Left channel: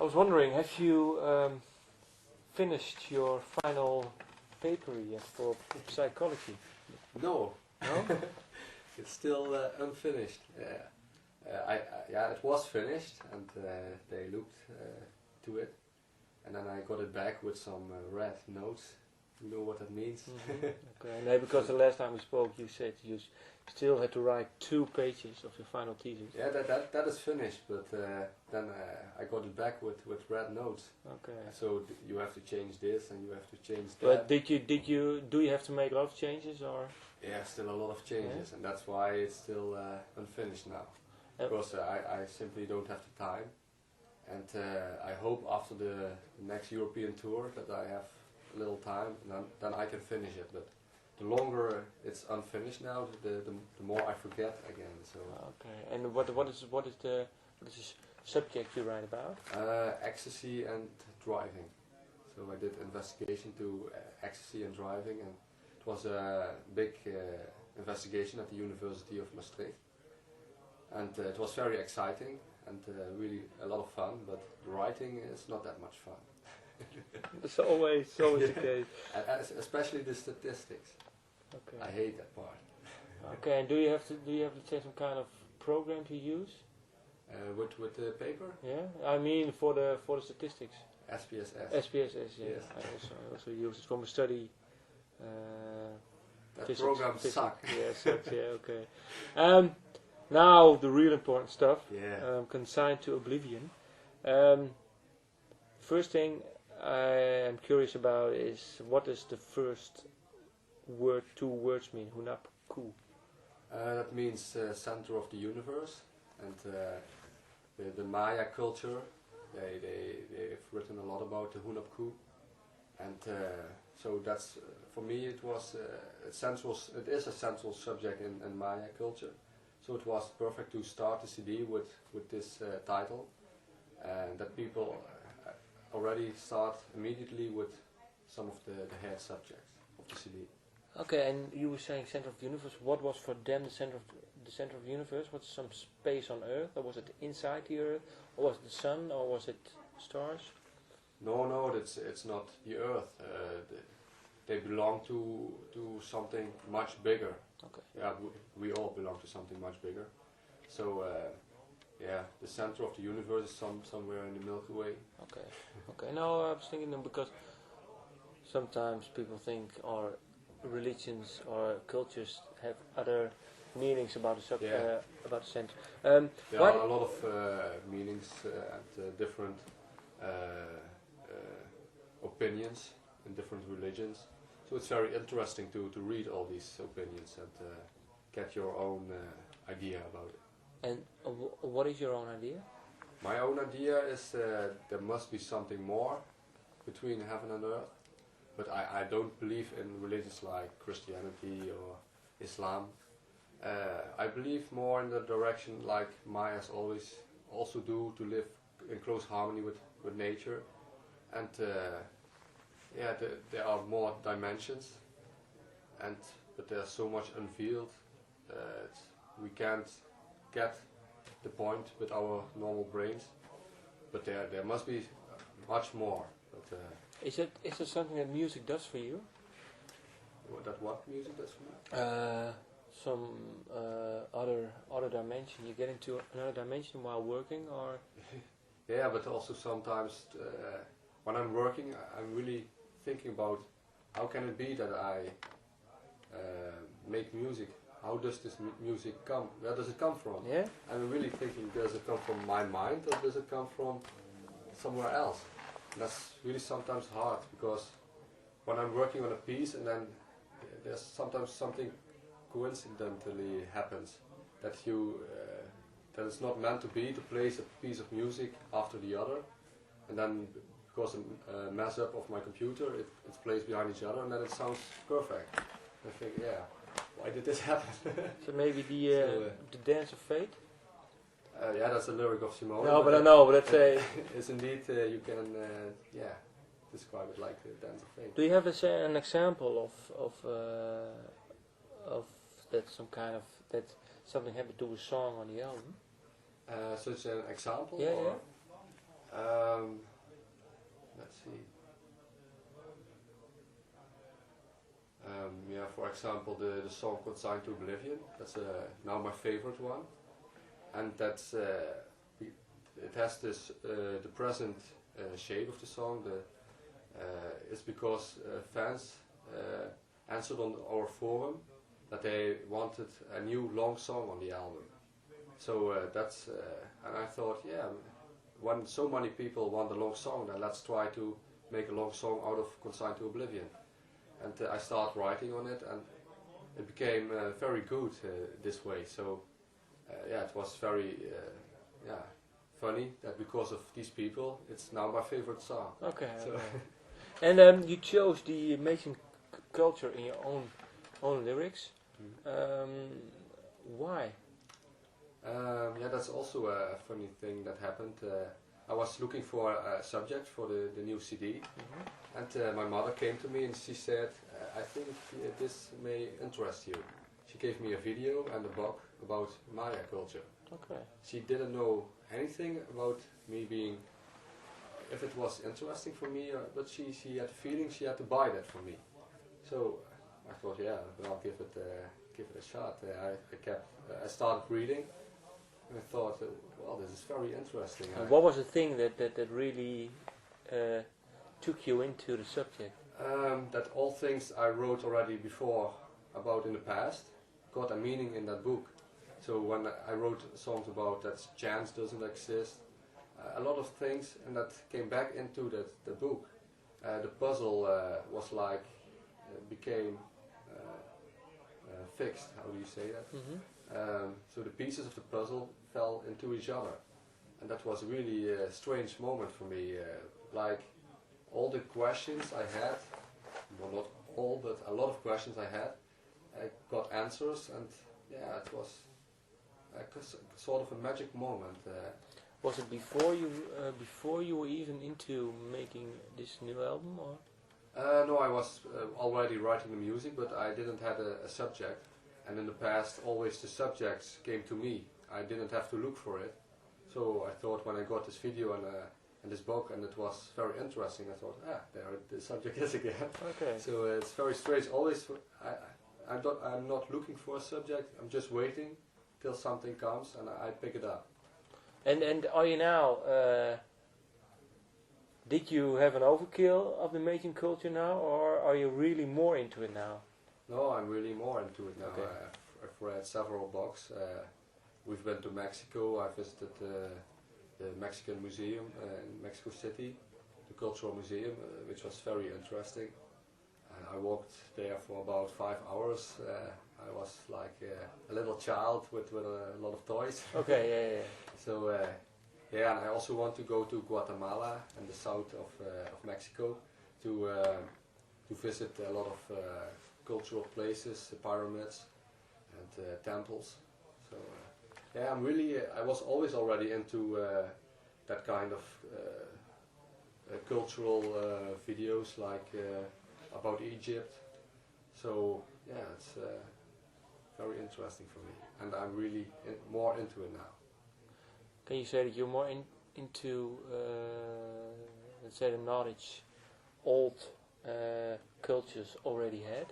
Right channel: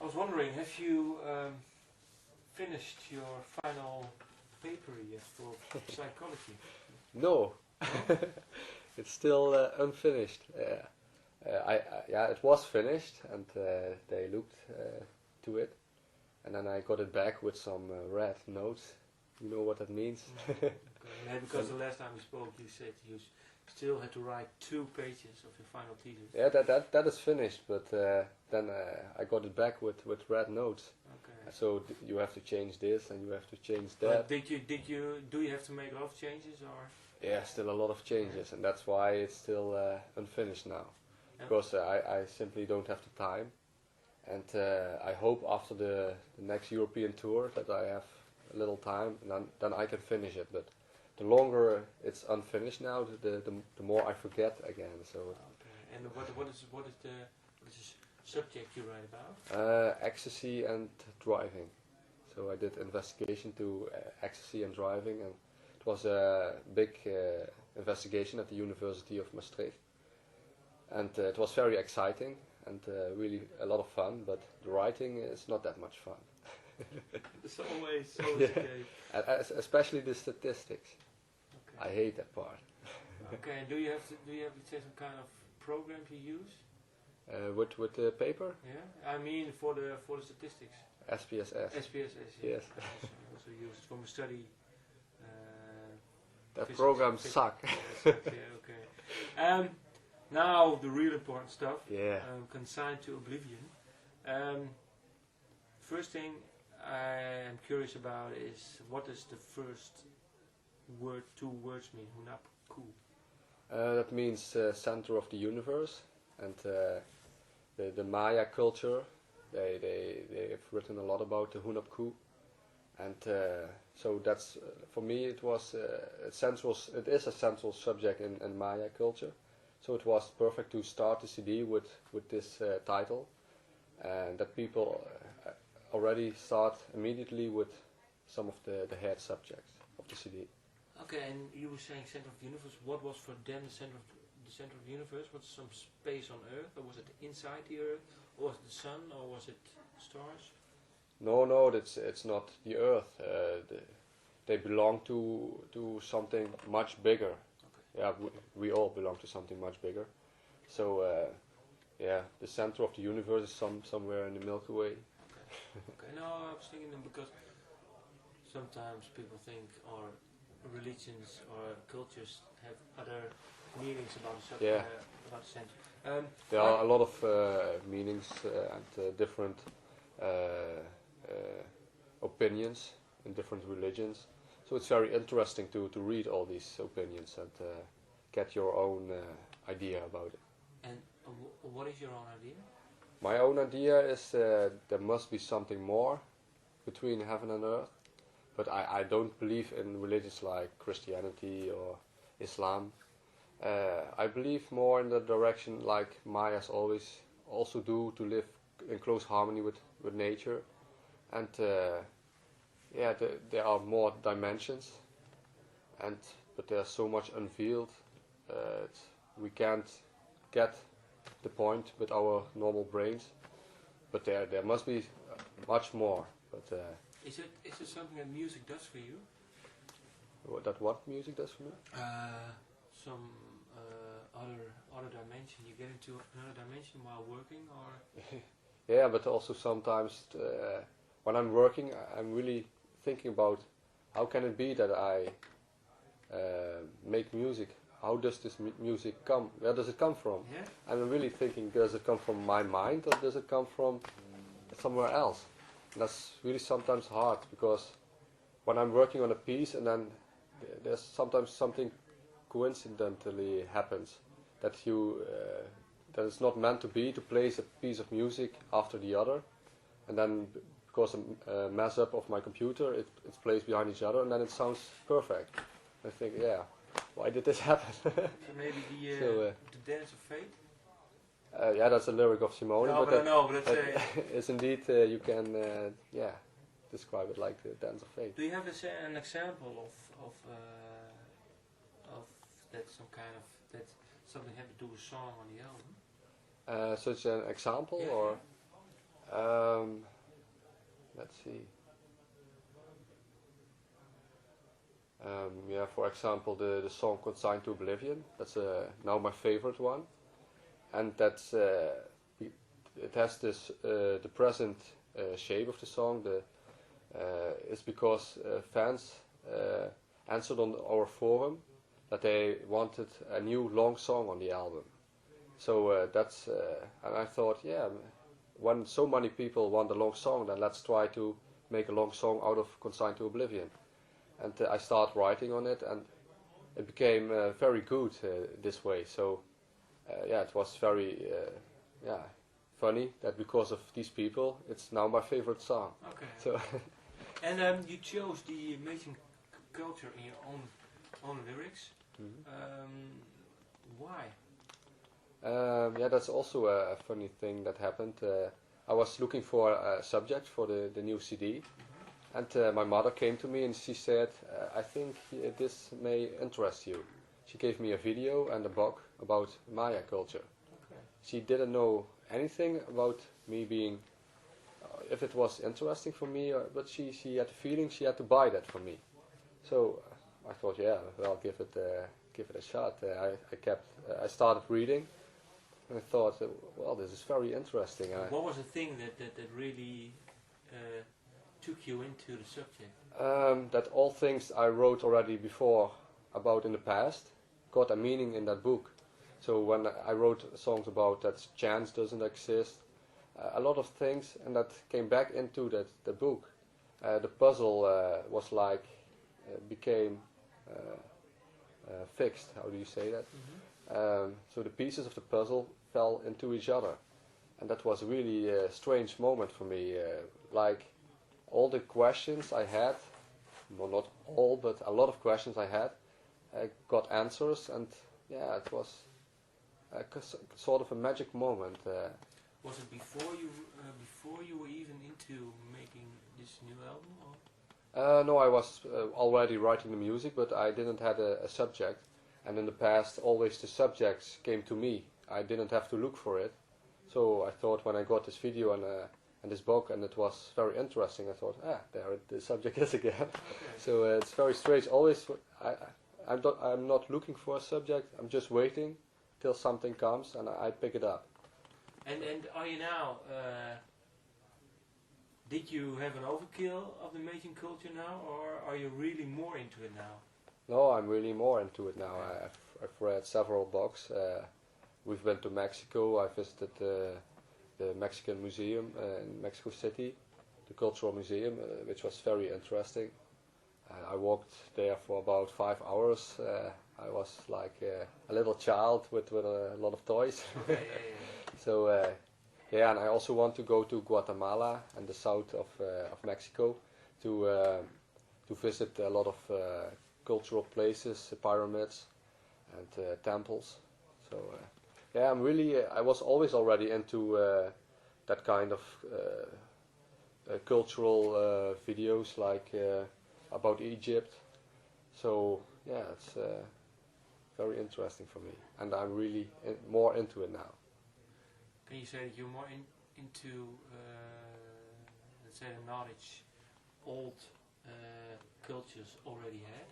I was wondering, have you finished your final paper yet for psychology? No. No? It's still unfinished. Yeah, it was finished, and they looked to it, and then I got it back with some red notes. You know what that means? Okay. No, because the last time we spoke, you said you still had to write 2 pages of your final thesis. Yeah, that is finished, but then I got it back with red notes. Okay. So you have to change this and you have to change But that. do you have to make a lot of changes or? Yeah, still a lot of changes, and that's why it's still unfinished now. Because I simply don't have the time, and I hope after the next European tour that I have a little time, and then I can finish it. But the longer it's unfinished now, the more I forget again. So. Okay. And what is the subject you write about? Ecstasy and driving. So I did investigation to ecstasy and driving, and it was a big investigation at the University of Maastricht. And it was very exciting and really a lot of fun, but the writing is not that much fun. It's always the case. Especially the statistics. Okay. I hate that part. Okay, and do you have let's say some kind of program to use? With the paper? Yeah, I mean for the statistics. SPSS. SPSS, yeah. Yes. I also use it for my study. That physics, programs suck. Yes, yeah, okay. Now the real important stuff. Yeah. Consigned to oblivion. First thing I am curious about is what does the first word, 2 words mean? Hunapku. That means center of the universe, and the Maya culture. They've written a lot about the Hunapku, and so that's for me it was it is a central subject in Maya culture. So it was perfect to start the CD with this title, and that people already start immediately with some of the head subjects of the CD. Okay, and you were saying center of the universe. What was for them the center of the universe? Was it some space on Earth, or was it inside the Earth, or was it the sun, or was it stars? No, it's not the Earth. They belong to something much bigger. Okay. Yeah, we all belong to something much bigger. So yeah, the center of the universe is somewhere in the Milky Way. Okay. Okay. No, I was thinking them because sometimes people think our religions or cultures have other meanings about the about the center. There are a lot of meanings and different opinions in different religions. So it's very interesting to read all these opinions and get your own idea about it. And what is your own idea? My own idea is there must be something more between heaven and earth, but I don't believe in religions like Christianity or Islam. I believe more in the direction like Mayas always also do, to live in close harmony with nature, and yeah, there are more dimensions, but there's so much unveiled. We can't get the point with our normal brains, but there must be much more. But is it something that music does for you? What music does for me? Some other dimension. You get into another dimension while working, or? Yeah, but also sometimes when I'm working, I'm really thinking about how can it be that I make music. How does this music come? Where does it come from? Yeah. And I'm really thinking, does it come from my mind or does it come from somewhere else? And that's really sometimes hard, because when I'm working on a piece and then there's sometimes something coincidentally happens that that it's not meant to be, to place a piece of music after the other, and then because a mess up of my computer, it's placed behind each other, and then it sounds perfect. I think, yeah, why did this happen? So maybe the Dance of Fate? Yeah, that's a lyric of Simone. No, but I know, but that's a... It's indeed, you can, yeah, describe it like the Dance of Fate. Do you have an example of that that something happened to a song on the album? Such an example, Yeah, or Let's see. Yeah, for example, the song "Consigned to Oblivion." That's now my favorite one, and that's it has this the present shape of the song. It's because fans answered on our forum that they wanted a new long song on the album. So that's and I thought, yeah, when so many people want a long song, then let's try to make a long song out of "Consigned to Oblivion." And I started writing on it, and it became very good this way. So yeah, it was very funny that because of these people, it's now my favorite song. Okay. So and you chose the Amazing Culture in your own lyrics. Why? Yeah, that's also a funny thing that happened. I was looking for a subject for the new CD. And my mother came to me and she said, I think this may interest you. She gave me a video and a book about Maya culture. Okay. She didn't know anything about me being, if it was interesting for me, but she had the feeling she had to buy that for me. So I thought, yeah, I'll give it a shot. I started reading, and I thought, well, this is very interesting. What was the thing that really took you into the subject? That all things I wrote already before about in the past got a meaning in that book. So when I wrote songs about that chance doesn't exist, a lot of things, and that came back into the book. The puzzle was like became fixed. How do you say that? So the pieces of the puzzle fell into each other, and that was really a strange moment for me. Like all the questions I had, well, not all, but a lot of questions I had, I got answers, and yeah, it was sort of a magic moment. Was it before you were even into making this new album, or? No, I was already writing the music, but I didn't have a subject. And in the past, always the subjects came to me. I didn't have to look for it. So I thought when I got this video and this book, and it was very interesting, I thought, there the subject is again. Okay. So it's very strange. Always, I'm not looking for a subject. I'm just waiting till something comes, and I pick it up. And are you now? Did you have an overkill of the Amazing Culture now, or are you really more into it now? No, I'm really more into it now. Okay. I've read several books. We've been to Mexico. I visited the Mexican Museum in Mexico City, the Cultural Museum, which was very interesting. I walked there for about 5 hours. I was like a little child with a lot of toys. Okay, yeah. So and I also want to go to Guatemala and the south of Mexico to visit a lot of cultural places, pyramids and temples. So I was always already into that kind of cultural videos, like about Egypt. So yeah, it's very interesting for me, and I'm really more into it now. Can you say that you're more into, let's say, the knowledge old cultures already had?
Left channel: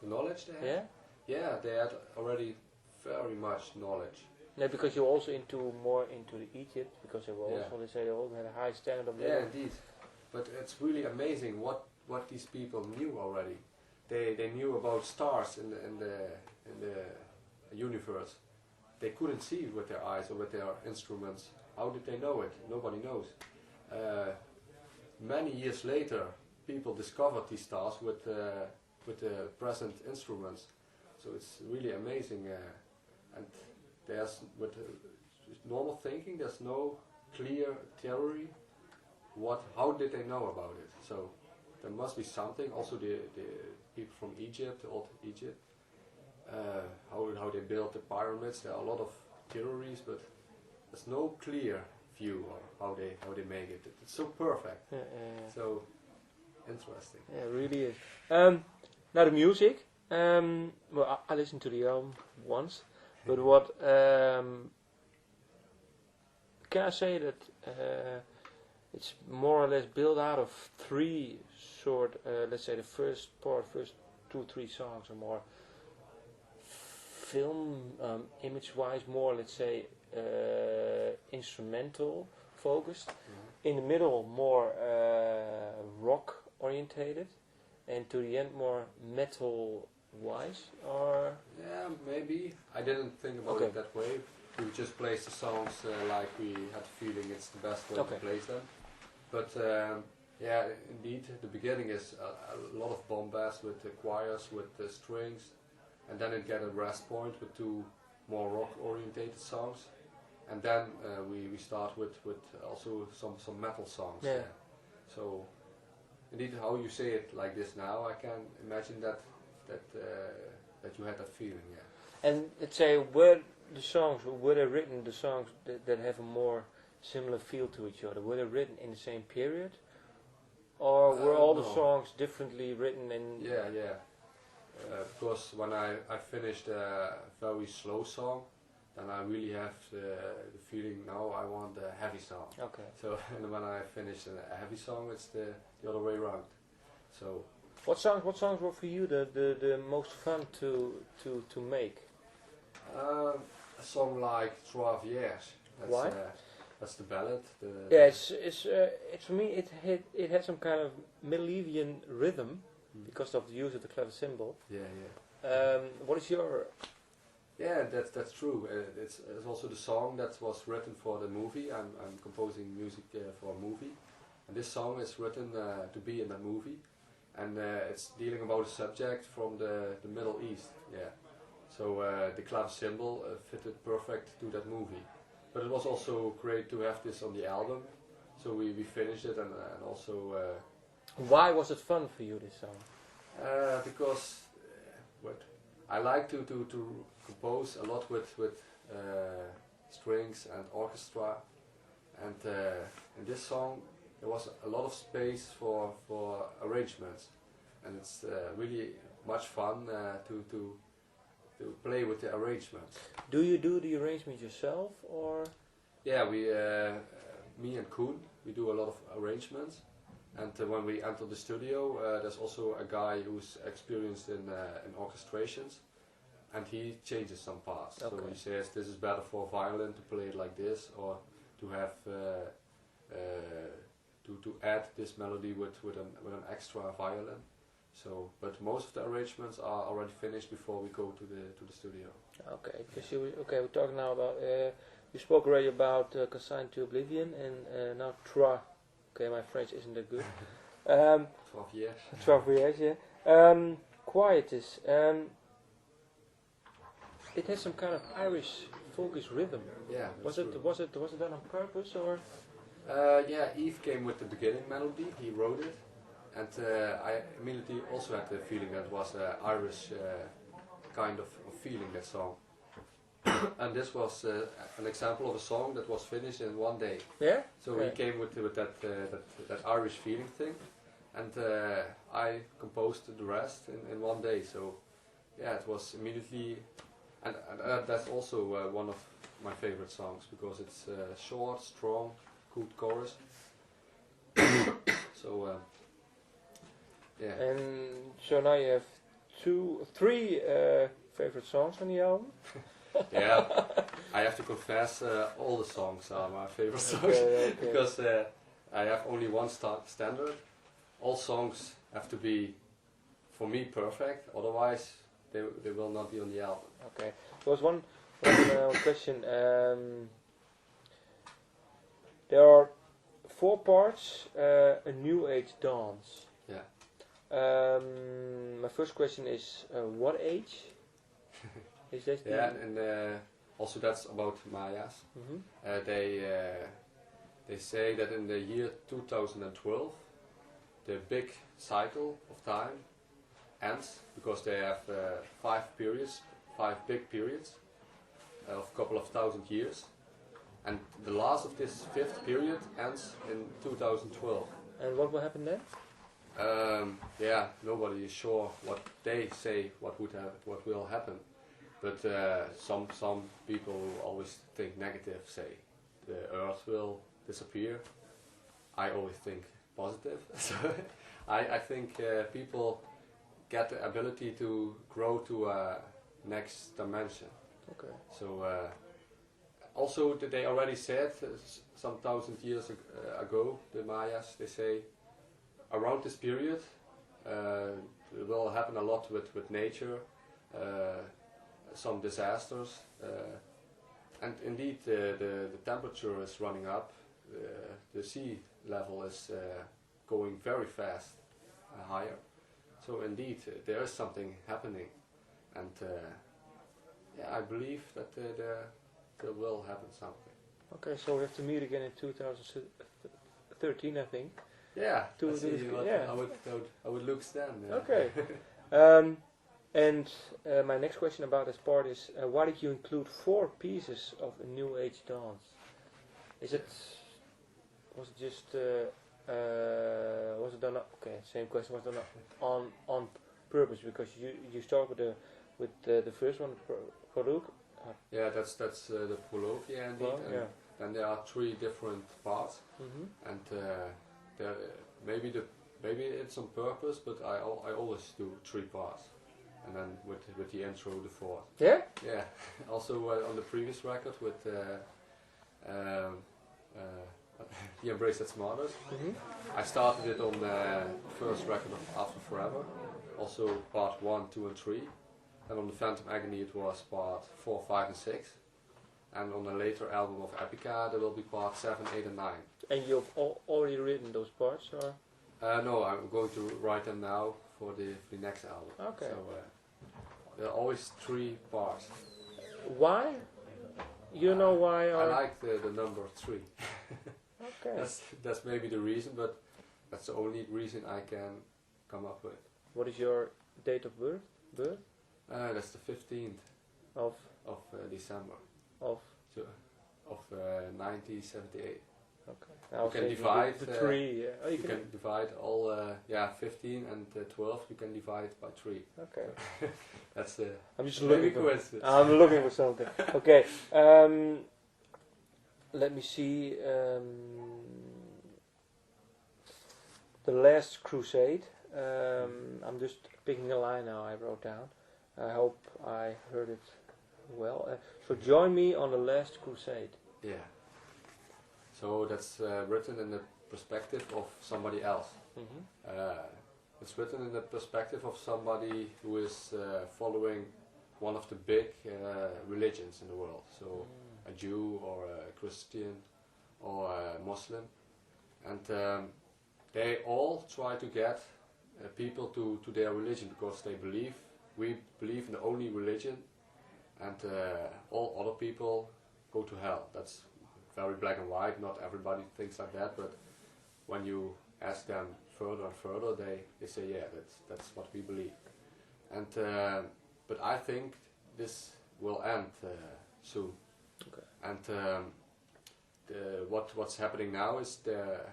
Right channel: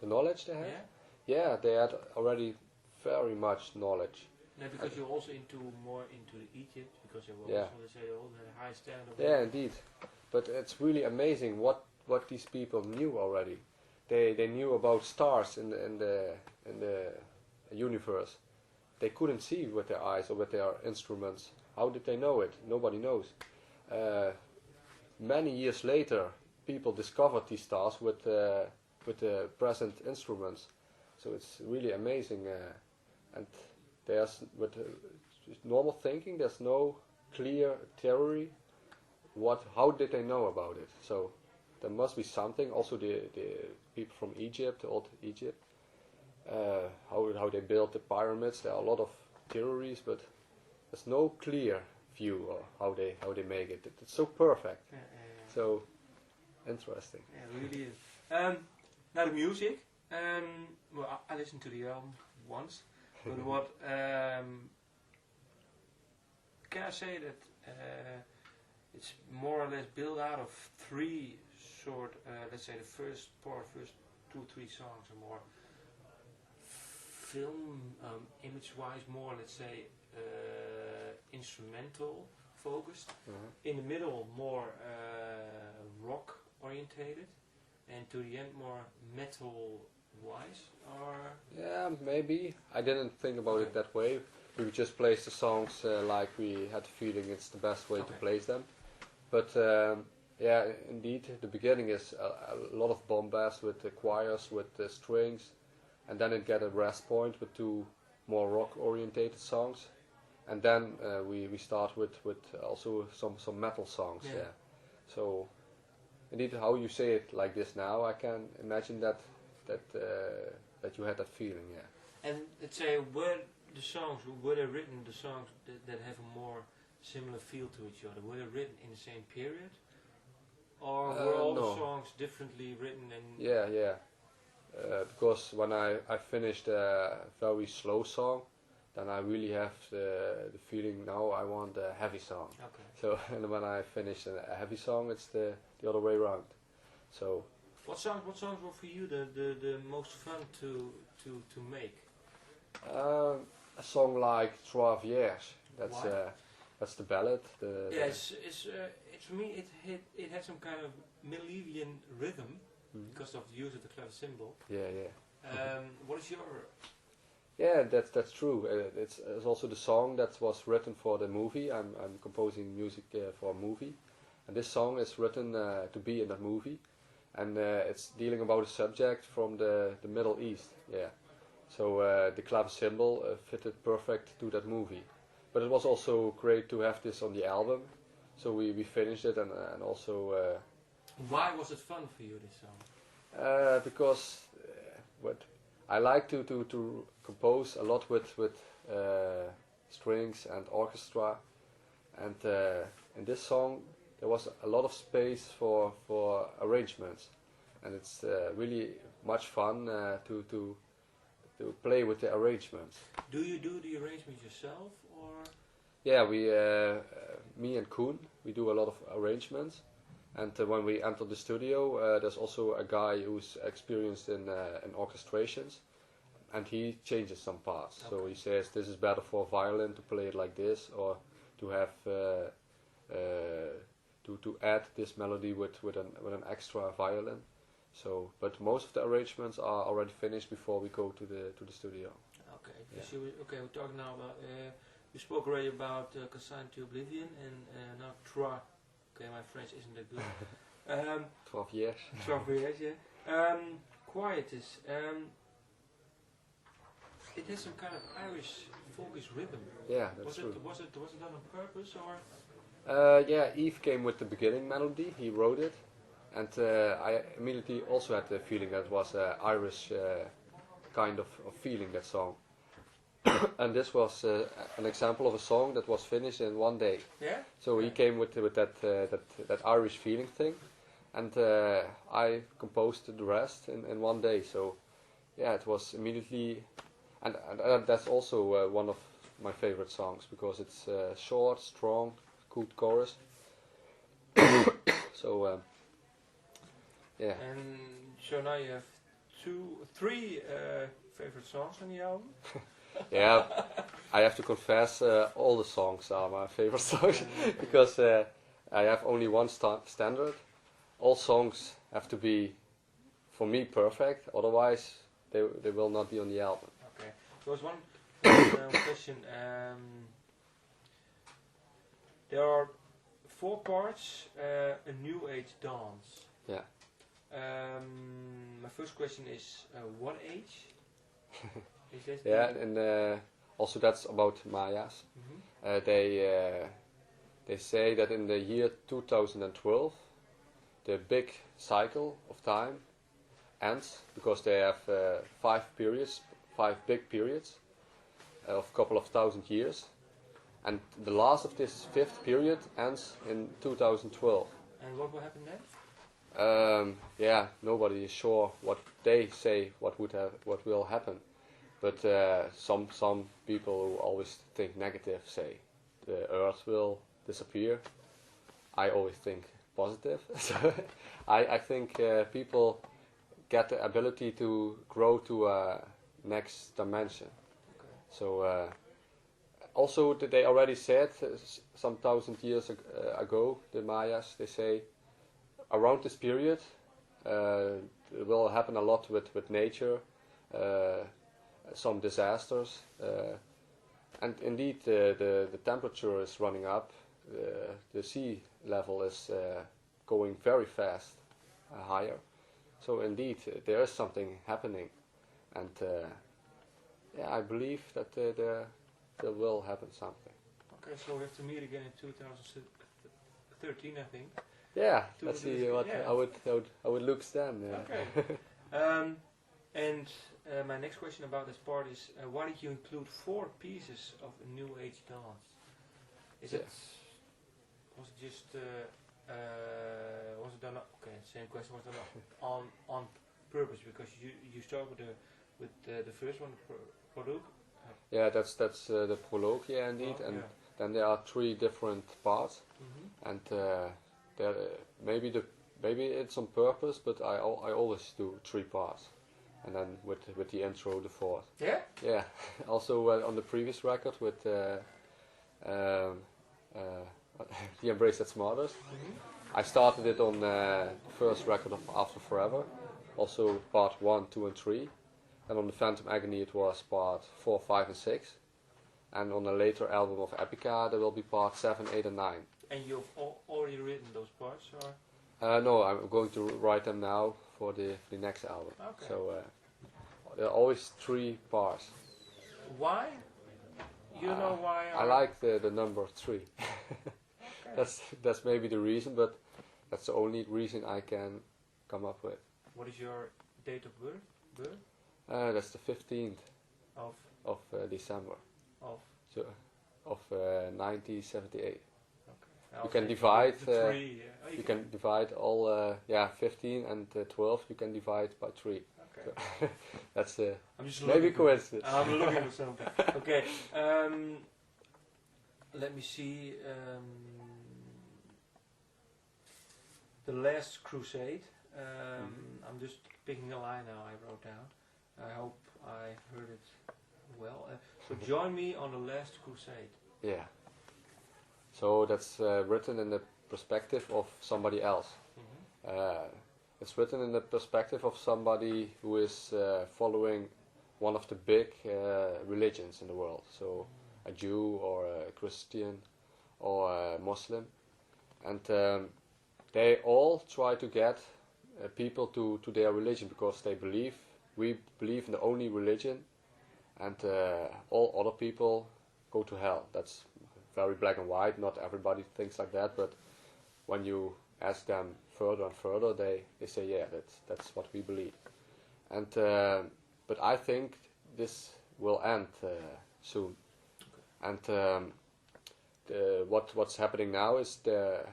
The knowledge they had? Yeah? Yeah, they had already very much knowledge. No, because you're also more into the Egypt, because they were also, they say, they all had a high standard of living. Yeah, indeed. But it's really amazing what these people knew already. They knew about stars in the universe. They couldn't see with their eyes or with their instruments. How did they know it? Nobody knows. Many years later, people discovered these stars with the present instruments. So it's really amazing. And there's with normal thinking, there's no clear theory. How did they know about it? So there must be something. Also, the people from Egypt, old Egypt. How they built the pyramids. There are a lot of theories, but there's no clear view of how they make it. It's so perfect, so interesting. Yeah, it really is. Now the music. Well, I listened to the album once, but what can I say that it's more or less built out of three let's say the first 2-3 songs are more film image-wise, more let's say instrumental focused. In the middle, more rock orientated, and to the end, more metal-wise. Or yeah, maybe. I didn't think about it that way. We would just place the songs like we had the feeling it's the best way to place them. But yeah, indeed, the beginning is a lot of bombast with the choirs, with the strings, and then it get a rest point with two more rock-orientated songs, and then we start with also some metal songs. Yeah. So indeed, how you say it like this now, I can imagine that you had that feeling. Yeah. And let's say were they written, the songs that have a more similar feel to each other? Were they written in the same period, or were all the songs differently written? And yeah. Because when I finished a very slow song, then I really have the feeling now I want a heavy song. Okay. So and when I finish a heavy song, it's the other way around. So what songs were for you the most fun to make? A song like Trois Vierges. Why? That's the ballad. It's for me it had some kind of Milesian rhythm because of the use of the clavecembalo. Yeah. What is your? Yeah, that's true. It's also the song that was written for the movie. I'm composing music for a movie, and this song is written to be in that movie, and it's dealing about a subject from the Middle East. Yeah. So the clavecembalo fitted perfect to that movie. But it was also great to have this on the album. So we finished it and also... Why was it fun for you, this song? Because I like to compose a lot with strings and orchestra. And in this song there was a lot of space for arrangements. And it's really much fun to play with the arrangements. Do you do the arrangement yourself, or? Yeah, me and Koen, we do a lot of arrangements, and when we enter the studio, there's also a guy who's experienced in orchestrations, and he changes some parts. Okay. So he says this is better for violin to play it like this, or to have to add this melody with an extra violin. So, but most of the arrangements are already finished before we go to the studio. Okay, because we're talking now about you spoke already about Consigned to Oblivion and now Trois. Okay, my French isn't that good. 12 years. 12 years, yeah. Quietus. It has some kind of Irish folkish rhythm. Yeah, was it done on purpose, or? Yeah, Yves came with the beginning melody. He wrote it. And I immediately also had the feeling that it was an Irish kind of feeling, that song. And this was an example of a song that was finished in one day. Yeah. So he came with that Irish feeling thing, and I composed the rest in one day. So yeah, it was immediately, and that's also one of my favorite songs because it's short, strong, good chorus. So. Yeah. And so now you have three favorite songs on the album? Yeah, I have to confess, all the songs are my favorite songs. Okay. Because I have only one standard. All songs have to be, for me, perfect. Otherwise, they will not be on the album. Okay. There was one question. There are 4 parts. A New Age dance. Yeah. My first question is, what age is this? Yeah, and also that's about Mayas. Mm-hmm. They say that in the year 2012, the big cycle of time ends because they have 5 big periods of a couple of thousand years, and the last of this 5th period ends in 2012. And what will happen then? Yeah, nobody is sure what they say what will happen, but some people who always think negative say the Earth will disappear. I always think positive. So I think people get the ability to grow to a next dimension. Okay. So also they already said some thousand years ago, the Mayas, they say around this period it will happen a lot with nature, some disasters, and indeed the temperature is running up, the sea level is going very fast higher. So indeed there is something happening, and I believe that there will happen something. Okay, so we have to meet again in 2013, I think. Yeah, let's see what I would look then. Okay. And my next question about this part is, why did you include 4 pieces of a New Age dance? Was it just was it done? Okay, same question. Was it done on purpose? Because you start with the first one, prologue. Yeah, that's the prologue, yeah, indeed, and then there are 3 different parts, and there maybe it's on purpose, but I always do 3 parts, and then with the intro, the 4th. Yeah. Yeah. Also on the previous record with the Embrace That's Smartest, I started it on the first record of After Forever, also part 1, 2 and 3. And on the Phantom Agony it was part 4, 5 and 6. And on a later album of Epica there will be part 7, 8 and 9. And you've already written those parts, or? No, I'm going to write them now for the next album. Okay. So there are always 3 parts. Why? You know why? I like the number 3. Okay. That's maybe the reason, but that's the only reason I can come up with. What is your date of birth? That's the 15th of December of 1978. Okay. You can divide the 3. You can divide all 15 and 12. You can divide by 3. Okay. So that's I'm just maybe coincidence. I'm looking for something. Okay. Let me see. The Last Crusade. I'm just picking a line now I wrote down. I hope I heard it well. So join me on the Last Crusade. Yeah. So that's written in the perspective of somebody else. It's written in the perspective of somebody who is following one of the big religions in the world. So a Jew or a Christian or a Muslim. And they all try to get people to their religion because we believe in the only religion, and all other people go to hell. That's very black and white. Not everybody thinks like that, but when you ask them further and further, they say, yeah, that's what we believe. And but I think this will end soon. Okay. And what's happening now is the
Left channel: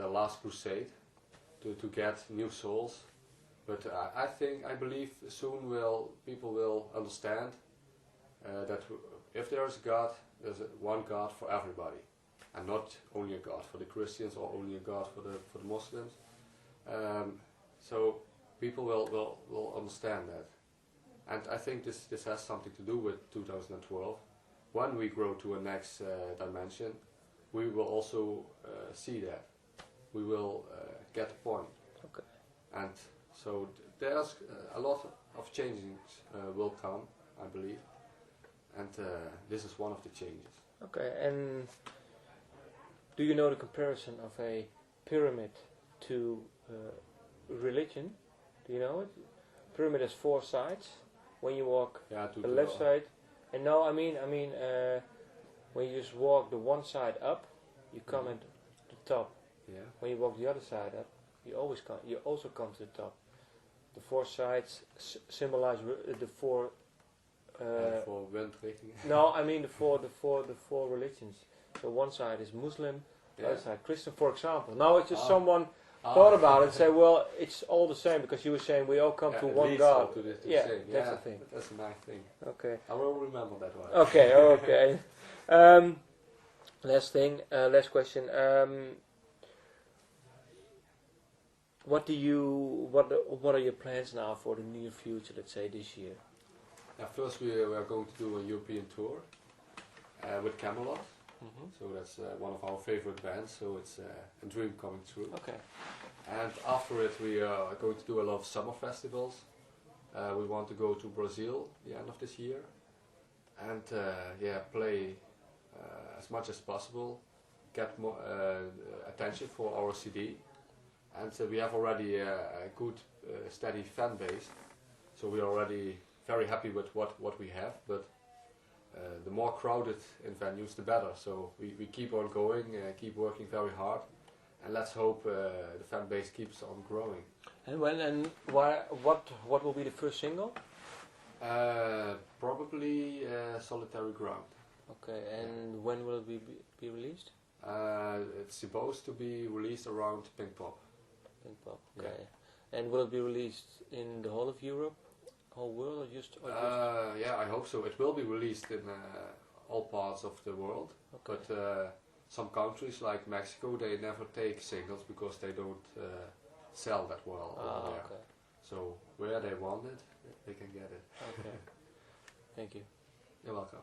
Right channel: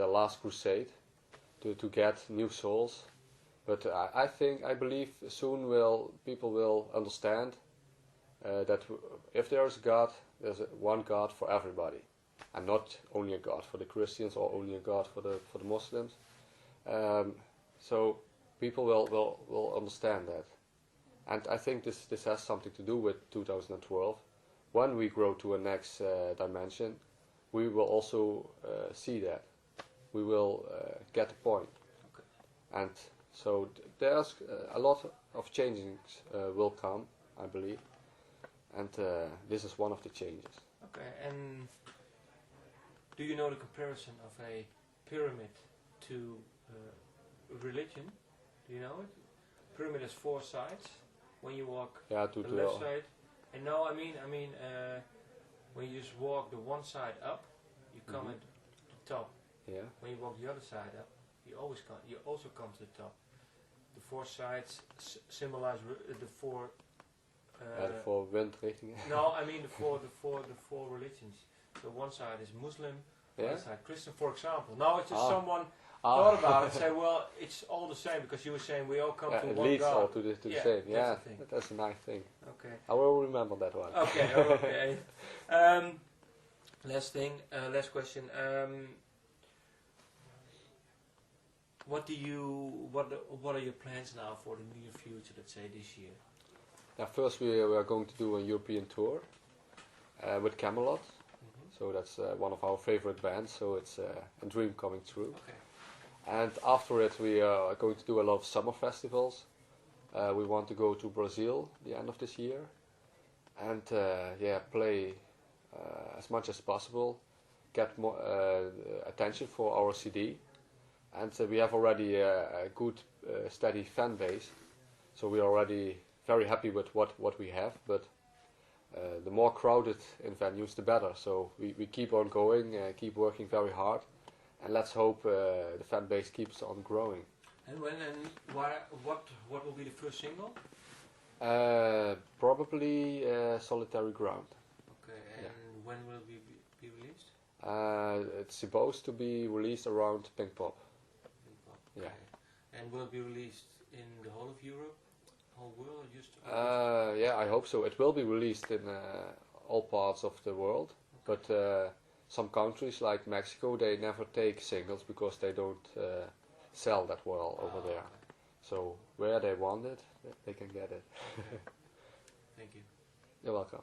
last crusade to get new souls. But I believe soon people will understand that if there is a God, there's one God for everybody, and not only a God for the Christians or only a God for the Muslims. So people will understand that, and I think this has something to do with 2012. When we grow to a next dimension, we will also see that. We will get the point. Okay. And so there's a lot of changes will come, I believe, and this is one of the changes. Okay, and do you know the comparison of a pyramid to religion? Do you know it? Pyramid has 4 sides. When you walk To the left side, and no, I mean, when you just walk the one side up, you come at the top. Yeah. When you walk the other side up, you also come to the top. The 4 sides symbolize the 4. For windrichting. No, I mean the four religions. So one side is Muslim, the other side Christian, for example. Now it's just someone thought about it and say, well, it's all the same, because you were saying we all come to one leads God. all to the same. That's the thing. That's a nice thing. Okay. I will remember that one. Okay. Last thing. Last question. What are your plans now for the near future? Let's say this year. Yeah, first we are going to do a European tour with Camelot. So that's one of our favorite bands. So it's a dream coming true. Okay. And after it, we are going to do a lot of summer festivals. We want to go to Brazil the end of this year, and play as much as possible, get more attention for our CD, and we have already a good steady fan base, so we are already very happy with what we have. But the more crowded in venues, the better. So we keep on going, keep working very hard, and let's hope the fan base keeps on growing. And what will be the first single? Probably Solitary Ground. Okay, and when will it be released? It's supposed to be released around Pink Pop. Pink Pop, okay. Yeah. And will it be released in the whole of Europe, whole world, or just? Yeah, I hope so. It will be released in all parts of the world, okay. But some countries like Mexico, they never take singles because they don't sell that well over there. Okay. So where they want it, they can get it. Okay. Thank you. You're welcome.